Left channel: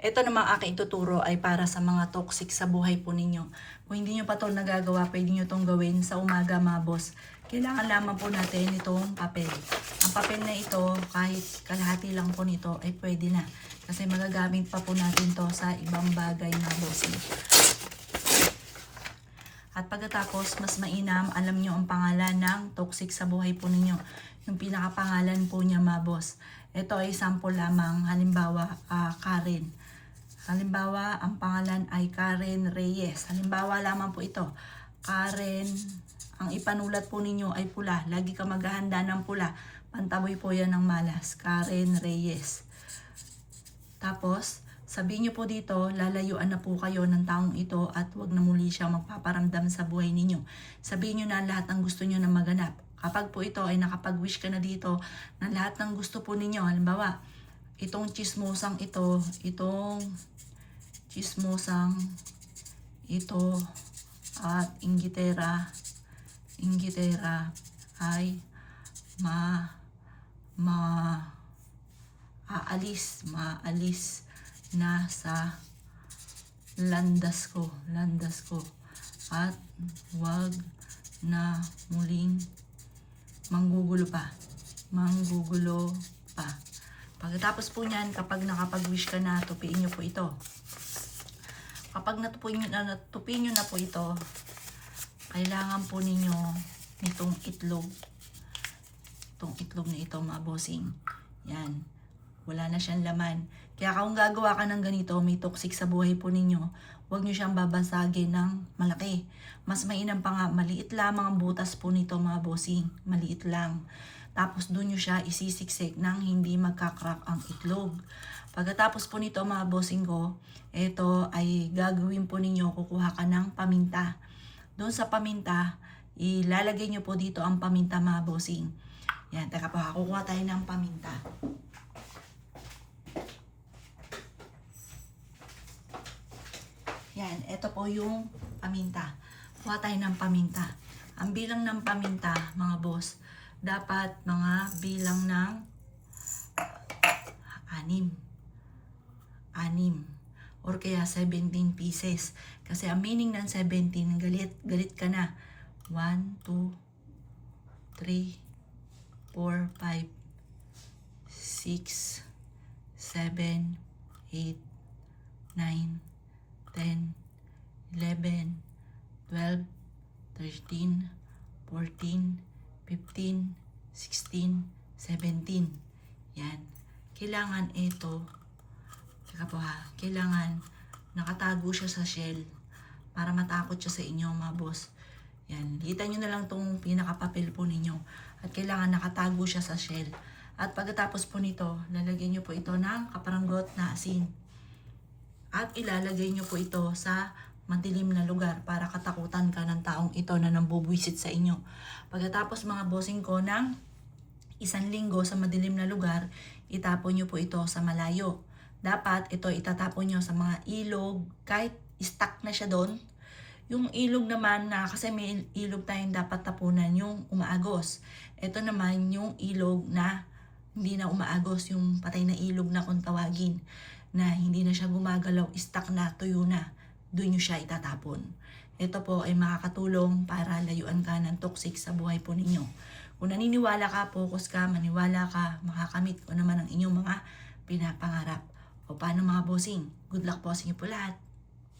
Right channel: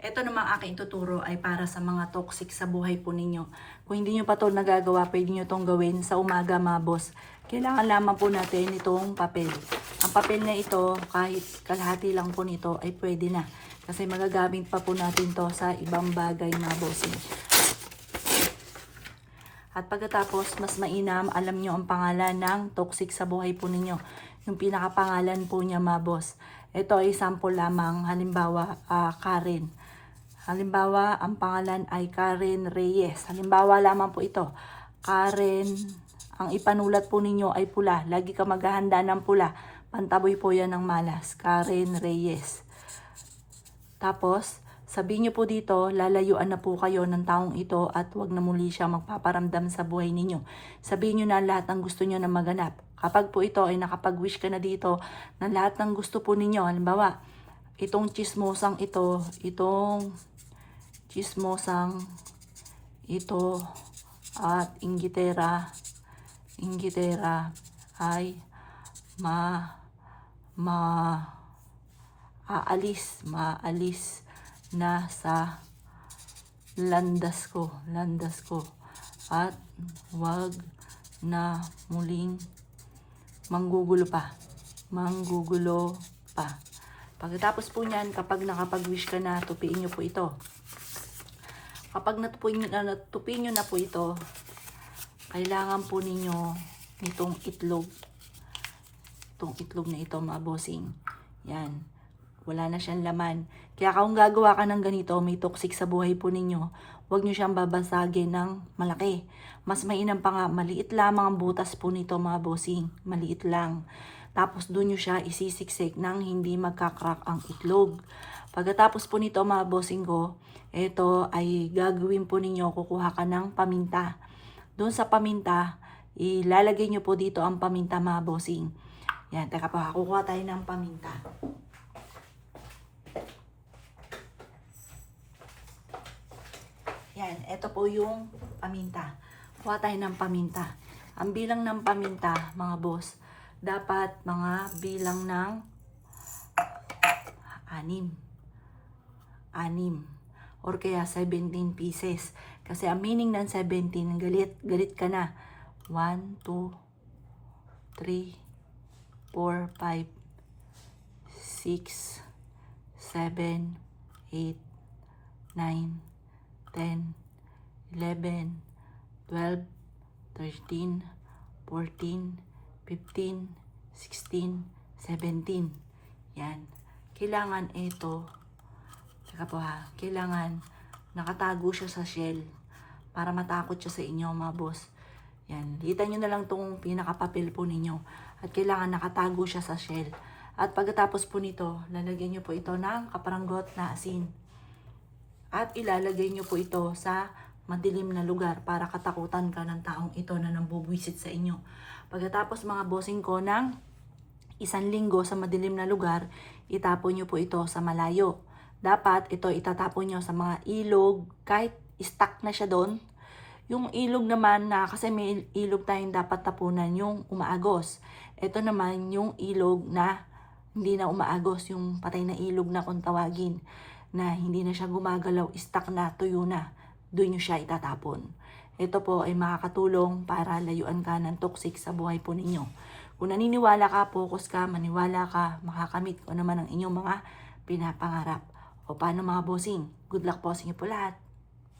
Ito namang aking tuturo ay para sa mga toxic sa buhay po ninyo. Kung hindi nyo pa ito nagagawa, pwede nyo itong gawin sa umaga mga boss. Kailangan lamang po natin itong papel. Ang papel na ito, kahit kalahati lang po nito, ay pwede na. Kasi magagamit pa po natin to sa ibang bagay mga boss. At pagkatapos, mas mainam, alam nyo ang pangalan ng toxic sa buhay po ninyo. Yung pinakapangalan po niya mga boss. Ito ay sample lamang, halimbawa, Karen. Halimbawa, ang pangalan ay Karen Reyes. Halimbawa lamang po ito. Karen, ang ipanulat po ninyo ay pula. Lagi ka maghahanda ng pula. Pantaboy po yan ng malas. Karen Reyes. Tapos, sabihin nyo po dito, lalayuan na po kayo ng taong ito at wag na muli siya magpaparamdam sa buhay ninyo. Sabihin nyo na lahat ng gusto nyo na maganap. Kapag po ito ay nakapag-wish ka na dito na lahat ng gusto po ninyo, halimbawa, itong chismosang ito at inggitera ay maalis na sa landas ko at wag na muling manggugulo pa. Pagkatapos po niyan, kapag nakapag-wish ka na, tupiin nyo po ito. Kapag natupiin nyo na po ito, kailangan po ninyo nitong itlog. Itong itlog na ito, mga bossing. Yan. Wala na siyang laman. Kaya kung gagawa ka ng ganito, may toxic sa buhay po ninyo, huwag nyo siyang babasagin ng malaki. Mas mainam pa nga, maliit lamang ang butas po nito, mga bossing. Maliit lang. Tapos doon nyo siya isisiksik nang hindi magkakrak ang itlog. Pagkatapos po nito, mga bossing ko, ito ay gagawin po ninyo, kukuha ka ng paminta. Doon sa paminta, ilalagay nyo po dito ang paminta, mga bossing. Yan, teka po, kukuha tayo ng paminta. Yan, ito po yung paminta. Kuha tayo ng paminta. Ang bilang ng paminta, mga boss, dapat mga bilang ng 6 or kaya 17 pieces. Kasi ang meaning ng 17, galit ka na. 1, 2, 3, 4, 5, 6, 7, 8, 9, 10, 11, 12, 13, 14, 15, 16, 17. Yan. Kailangan ito, saka po ha, kailangan nakatago siya sa shell para matakot siya sa inyo, mga boss. Yan. Litan nyo na lang itong pinakapapel po ninyo. At kailangan nakatago siya sa shell. At pagkatapos po nito, lalagyan nyo po ito ng kaparanggot na asin. At ilalagay nyo po ito sa madilim na lugar para katakutan ka ng taong ito na nambubwisit sa inyo. Pagkatapos, mga bossing ko, ng 1 linggo sa madilim na lugar, itapon nyo po ito sa malayo. Dapat ito itatapon nyo sa mga ilog, kahit stuck na siya doon. Yung ilog naman na, kasi may ilog tayong dapat tapunan, yung umaagos. Ito naman yung ilog na hindi na umaagos, yung patay na ilog na kung tawagin, na hindi na siya gumagalaw, stuck na, tuyo na. Doon nyo siya itatapon. Ito po ay makakatulong para layuan ka ng toxic sa buhay po ninyo. Kung naniniwala ka, focus ka, maniwala ka, makakamit ko naman ang inyong mga pinapangarap. O paano, mga bossing? Good luck po sa inyo po lahat.